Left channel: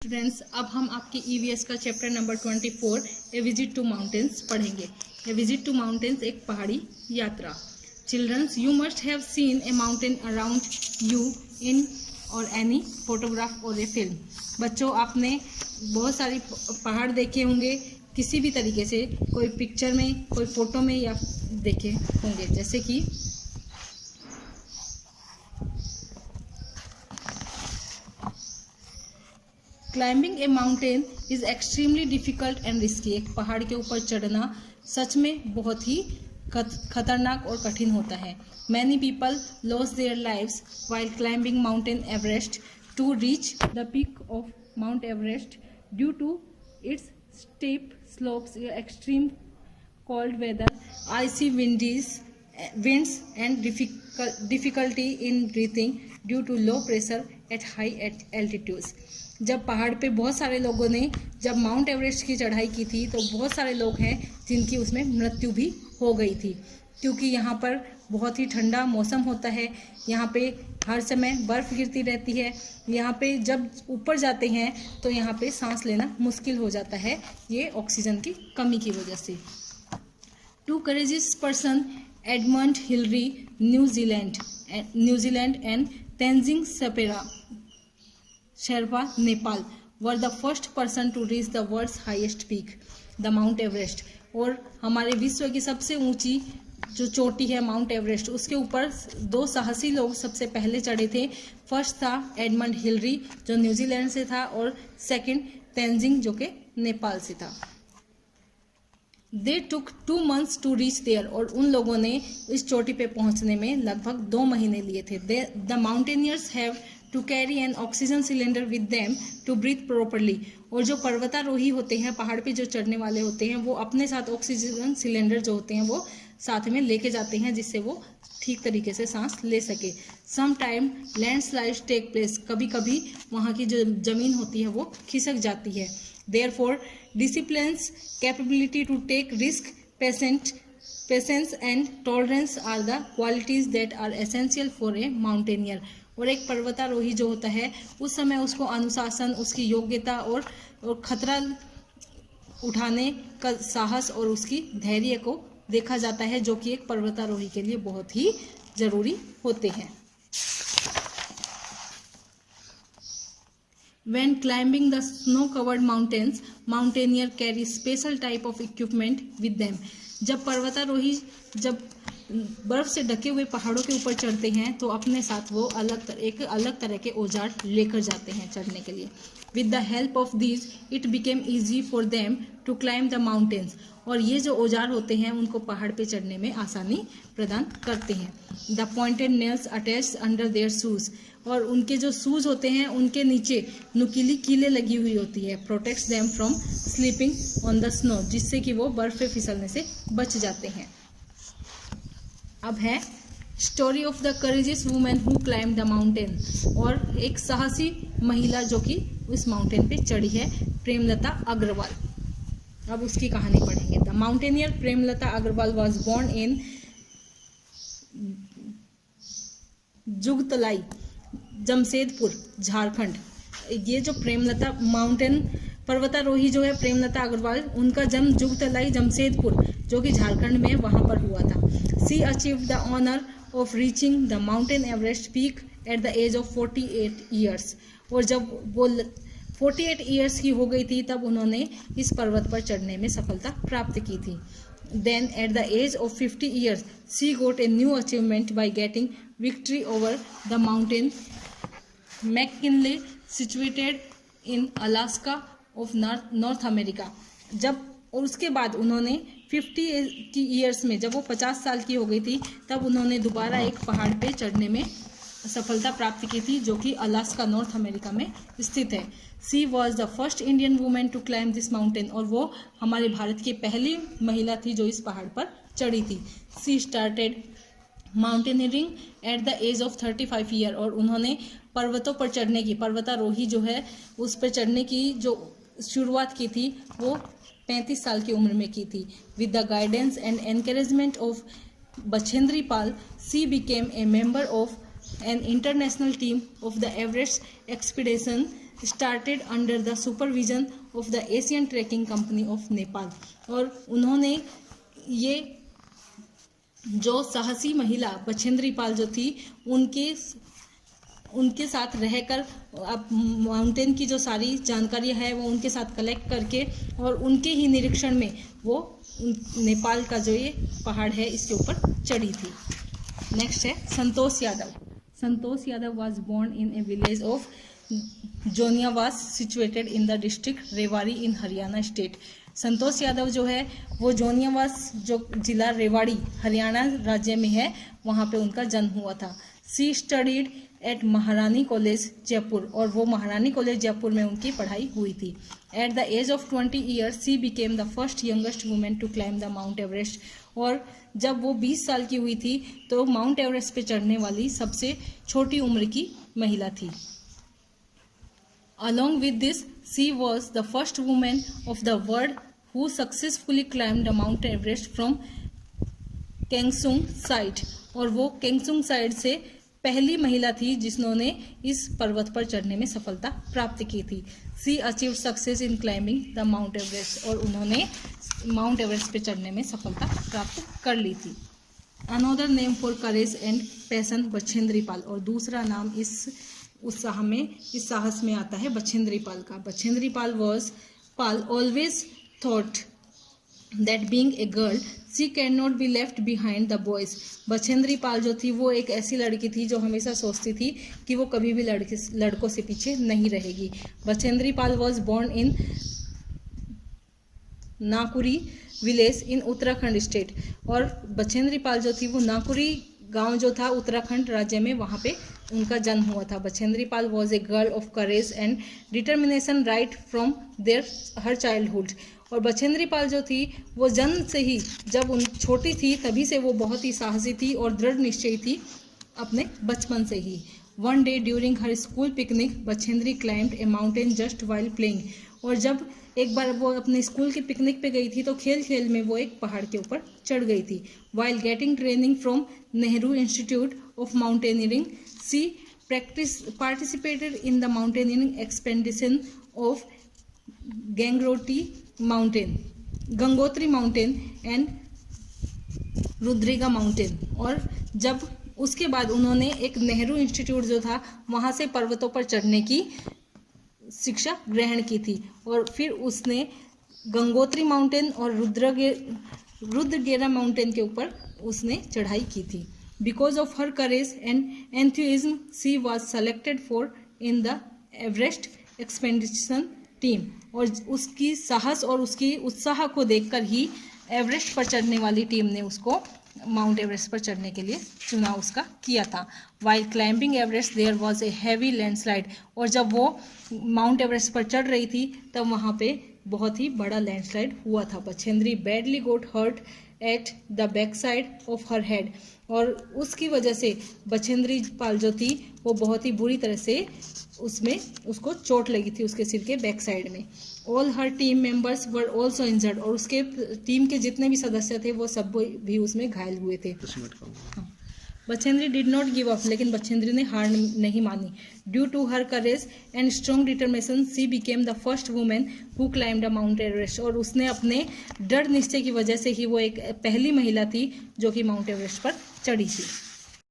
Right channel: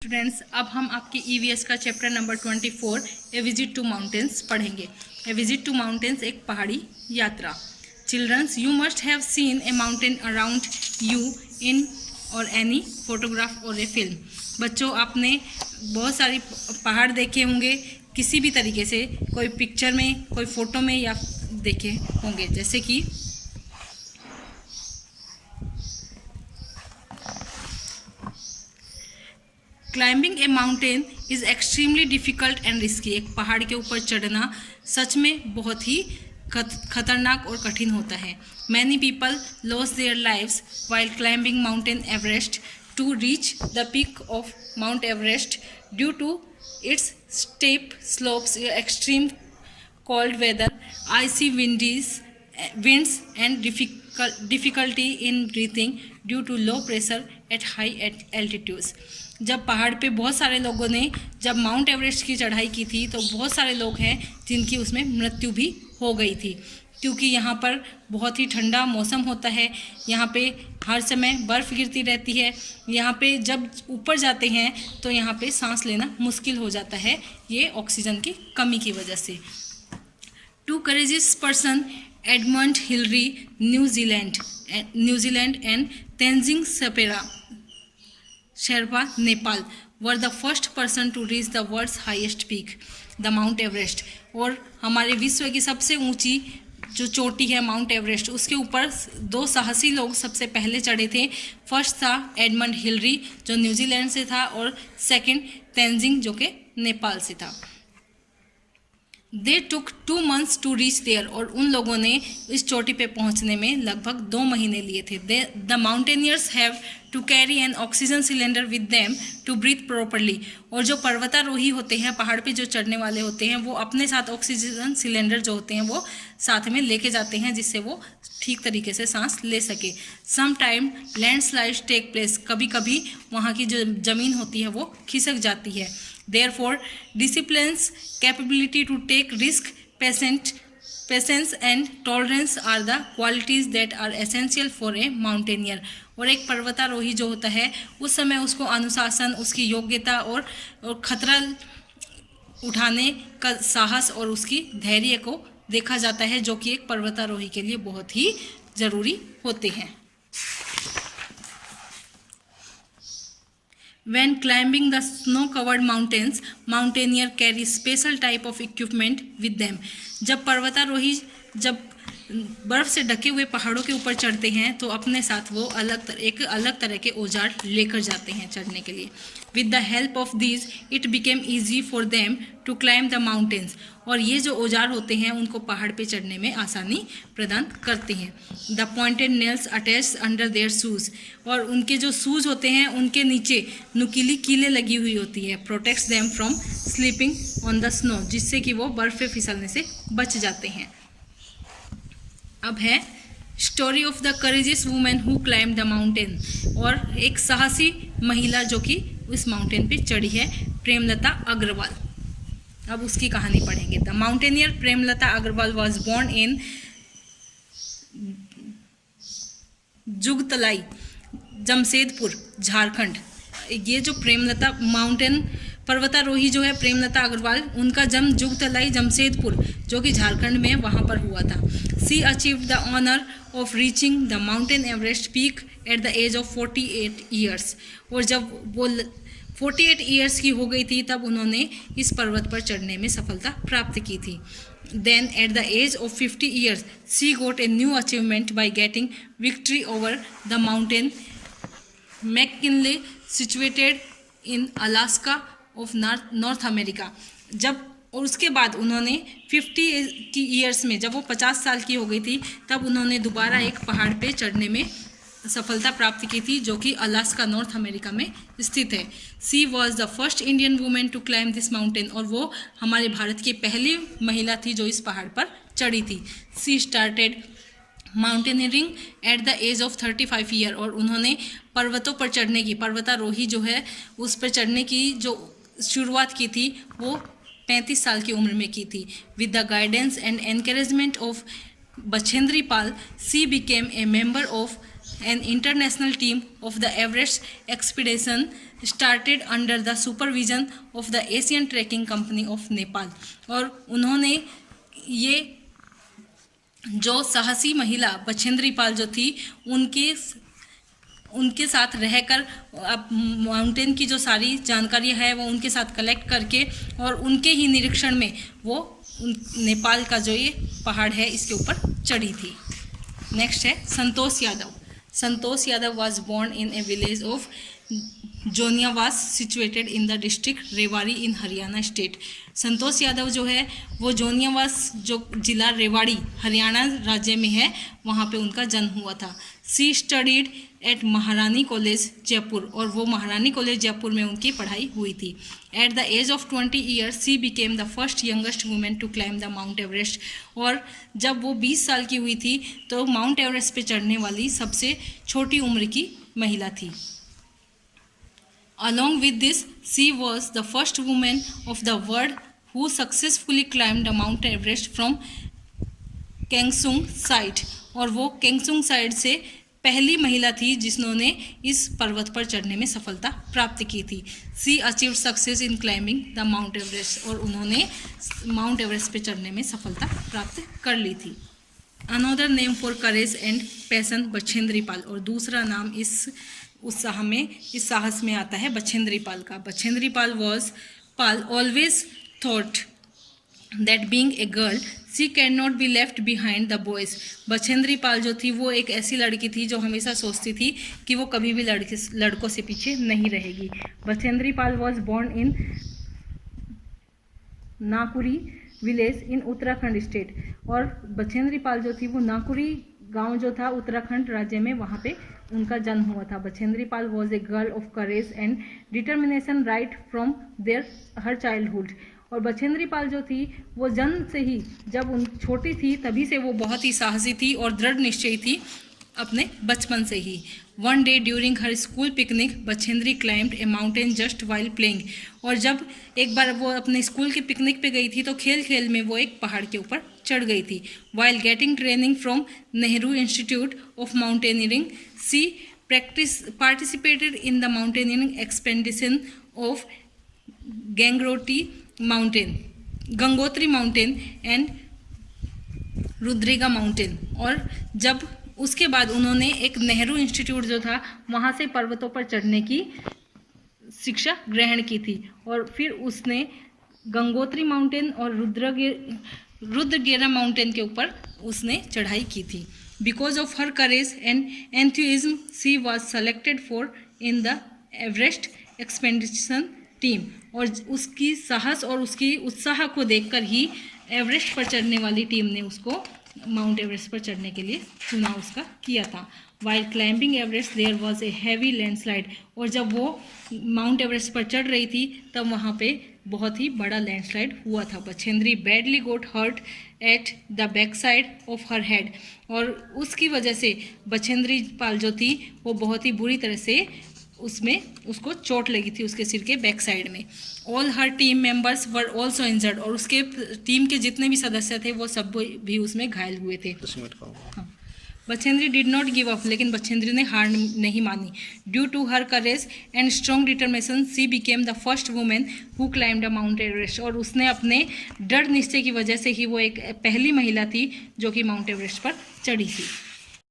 Students, अब हम आपके ईवीएस का chapter number 24 a visit to mountains पढ़ेंगे। ए विजिट टू माउंटेन्स एक पहाड़ी यात्रा। Childrens, you must have seen a mountain around you in or any photograph और ए फिल्म। बच्चों, आपने बहुत सारी पहाड़ देखे होंगे किसी भी तरीके से, कोई पिक्चर में, कोई फ़ोटो में या देखे होंगे, जैसे कि climbing A mountain is extremely difficult and risky. एक पहाड़ के ऊपर चढ़ना सच में बहुत ही खतरनाक और कठिन होता है। Many people loss their lives while climbing mountain Everest to reach the peak of mount Everest due to its step slopes, extreme cold weather, icy winds and difficulty in breathing due to low pressure at high altitudes। जब पहाड़ पे बहुत सारे लोगों ने जब mount Everest की चढ़ाई की थी तो बहुत सारे लोग हैं जिनकी उसमें मृत्यु भी हो गई थी, क्योंकि यहाँ पर बहुत ही ठंडा मौसम होता है। यहाँ पे हर समय बर्फ़ गिरती रहती है। यहाँ पे जब ऊपर जाते हैं तो यहाँ पे सांस लेना मुश्किल हो जाता है, ये ऑक्सीजन की कमी की वजह से। Two courageous person, Edmund Hillary, New Zealand and Tenzing Sherpa, Nepal, were the first person to reach the world's highest peak, the Mount Everest। और हमारे विश्व की सबसे ऊंची जो चोटी है माउंट एवरेस्ट, उसके ऊपर दो साहसी लोग सबसे पहले चढ़े थे। फर्स्ट था एडमंड हिलरी जो न्यूजीलैंड से था, और सेकंड तेंजिंग जो कि नेपाल से था। दे टुक 2 months टू रीच देयर, और उन लोगों ने इस चोटी पे पहुंचने में लगभग 2 महीने लिए थे। The mountaineers have to carry an oxygen cylinder with them to breathe properly. और जो पर्वतारोही होते हैं, पहाड़ पे जो चढ़ने वाले होते हैं, वो अपने साथ ऑक्सीजन सिलेंडर जो होते हैं वो साथ में लेके जाते हैं, जिससे वो ठीक तरीके से सांस ले सके। Some time landslides take place, कभी कभी वहाँ की जो ज़मीन होती है वो खिसक जाती है। Therefore, discipline's capability to take risk, patience and tolerance are the qualities that are essential for a mountaineer। और एक पर्वतारोही जो होता है उस समय उसको अनुशासन, उसकी योग्यता और खतरा उठाने का साहस और उसकी धैर्य को देखा जाता है, जो कि एक पर्वतारोही के लिए बहुत ही ज़रूरी होते हैं। When climbing the snow-covered mountains, mountaineer carry special type of equipment with them। जब पर्वतारोही जब बर्फ़ से ढके हुए पहाड़ों के ऊपर चढ़ते हैं तो अपने साथ वो एक अलग तरह के औजार लेकर जाते हैं चढ़ने के लिए। With the help of these, it became easy for them to climb the mountains। और ये जो औजार होते हैं उनको पहाड़ पे चढ़ने में आसानी प्रदान करते हैं। The pointed nails attached under their shoes, और उनके जो शूज़ होते हैं उनके नीचे नुकीली कीलें लगी हुई होती है। Protects them from slipping on the snow, जिससे कि वो बर्फ़ पे फिसलने से बच जाते हैं। अब है story of the courageous women who climb the mountain, और एक साहसी महिला जो कि उस माउंटेन पे चढ़ी है, प्रेमलता अग्रवाल। अब उसकी कहानी पढ़ेंगे। The mountaineer Premlata Agarwal was born in Jugsalai, Jamshedpur, Jharkhand. ये जो प्रेमलता पर्वतारोही जो है प्रेमलता अग्रवाल, उनका जन्म जुगतलाई, जमशेदपुर जो कि झारखंड में वहाँ पर हुआ था। She achieve the honour of reaching the mountain Everest peak at the age of 48 years. और जब वो 48 ईयर्स की हो गई थी तब उन्होंने इस पर्वत पर चढ़ने में सफलता प्राप्त की थी। Then at the age of 50 years she got a new achievement by getting victory over the mountain McKinley situated in Alaska of North America. और उसके बाद उन्होंने 50 की ईयर्स में, जब वो 50 साल की हो गई थी, तब उन्होंने दोबारा एक पहाड़ पे चढ़ने में सफलता प्राप्त की थी जो कि अलास्का, नॉर्थ अमेरिका में स्थित है। She was the first Indian women to climb this mountain, और वो हमारे भारत की पहली महिला थी जो इस पहाड़ पर चढ़ी थी। She started mountaineering at the age of 35 year, और उन्होंने पर्वतों पर चढ़ने की, पर्वतारोही जो है उस पर चढ़ने की जो शुरुआत की थी वो 35 साल की उम्र में की थी। With the guidance and encouragement of Bachendri Pal, C became a member of an international team of the Everest expedition started under the supervision of the Asian Trekking Company of Nepal। और उन्होंने ये जो साहसी महिला बछेंद्री पाल जो थी उनके साथ रहकर अब माउंटेन की जो सारी जानकारी है वो उनके साथ कलेक्ट करके और उनके ही निरीक्षण में वो नेपाल का जो ये पहाड़ है इसके ऊपर चढ़ी थी। नेक्स्ट है Santosh Yadav. Santosh Yadav was born in a village of Joniyawas situated in the district Rewari in Haryana state. Santosh Yadav जो है वो जोनियावास जो जिला रेवाड़ी हरियाणा राज्य में है वहाँ पे उनका जन्म हुआ था। सी स्टडीड एट महारानी कॉलेज जयपुर और वो महारानी कॉलेज जयपुर में उनकी पढ़ाई हुई थी। At the age of 20 years she became the first youngest women to climb the mount Everest. और जब वो 20 साल की हुई थी तो माउंट एवरेस्ट पे चढ़ने वाली सबसे छोटी उम्र की महिला थी। Along with this, she was the first woman of the world who successfully climbed the Mount Everest from Kengsung side। और वो केंगसुंग साइड से पहली महिला थी जिन्होंने इस पर्वत पर चढ़ने में सफलता प्राप्त की थी। She achieve success in climbing the mount Everest और उन्होंने माउंट एवरेस्ट पे चढ़ने में सफलता प्राप्त कर ली थी। Another name for courage and passion Bachendri Pal. और दूसरा नाम इस साहस में आता है बछेंद्री पाल का। Bachendri Pal always thought that being a girl she can not be left behind the boys. Bachendri Pal जो थी वो एक ऐसी लड़की थी जो हमेशा सोचती थी कि वो कभी भी लड़कों से पीछे नहीं रहेगी। Bachendri Pal was born in Nakuri village in Uttarakhand state. और बछेंद्री पाल जो थी वो नाकुरी गांव जो था उत्तराखंड राज्य में वहाँ पे उनका जन्म हुआ था। Bachendri Pal was a girl of courage and determination right from her childhood. और बछेंद्री पाल जो थी वो जन्म से ही जब उन छोटी थी तभी से वो बहुत ही साहसी थी और दृढ़ निश्चयी थी अपने बचपन से ही। One day during her school picnic Bachendri climbed a mountain just while playing. और जब एक बार वो अपने स्कूल के पिकनिक पे गई थी तो खेल खेल में वो एक पहाड़ के ऊपर चढ़ गई थी। While getting training from Nehru Institute of Mountaineering she participated in the mountaineering expedition of Gangotri mountain and Rudugaira mountain. और जब उसके बाद उन्होंने एक नेहरू इंस्टीट्यूट जो था वहाँ से पर्वतों पर चढ़ने की शिक्षा ग्रहण की थी। और फिर उसने गंगोत्री माउंटेन और रुद्रगेरा माउंटेन के ऊपर उसने चढ़ाई की थी। Because of her courage and enthusiasm she was selected for in the Everest expedition team. और उसकी साहस और उसकी उत्साह को देखकर ही एवरेस्ट पर चढ़ने वाली टीम ने उसको माउंट एवरेस्ट पर चढ़ने के लिए चुना उसका किया था। While climbing Everest there was a heavy landslide. और जब वो माउंट एवरेस्ट पर चढ़ रही थी तब वहाँ पे बहुत ही बड़ा लैंडस्लाइड हुआ था। Bachendri badly got hurt at the back side of her head. और उसकी वजह से बछेंद्री पाल जो थी वो बहुत ही बुरी तरह से उसको चोट लगी थी उसके सिर के बैक साइड में। All her team members were also injured. और उसके टीम के जितने भी सदस्य थे वो सब भी उसमें घायल हुए थे। हाँ। Bachendri did not give up. लेकिन बछेंद्री ने हार नहीं मानी। Due to her courage and strong determination she became the first women who climbed the mount Everest. और उसने अपने दृढ़ निश्चय की वजह से ही वो एक पहली महिला थी जो कि माउंट एवरेस्ट पर चढ़ी थी।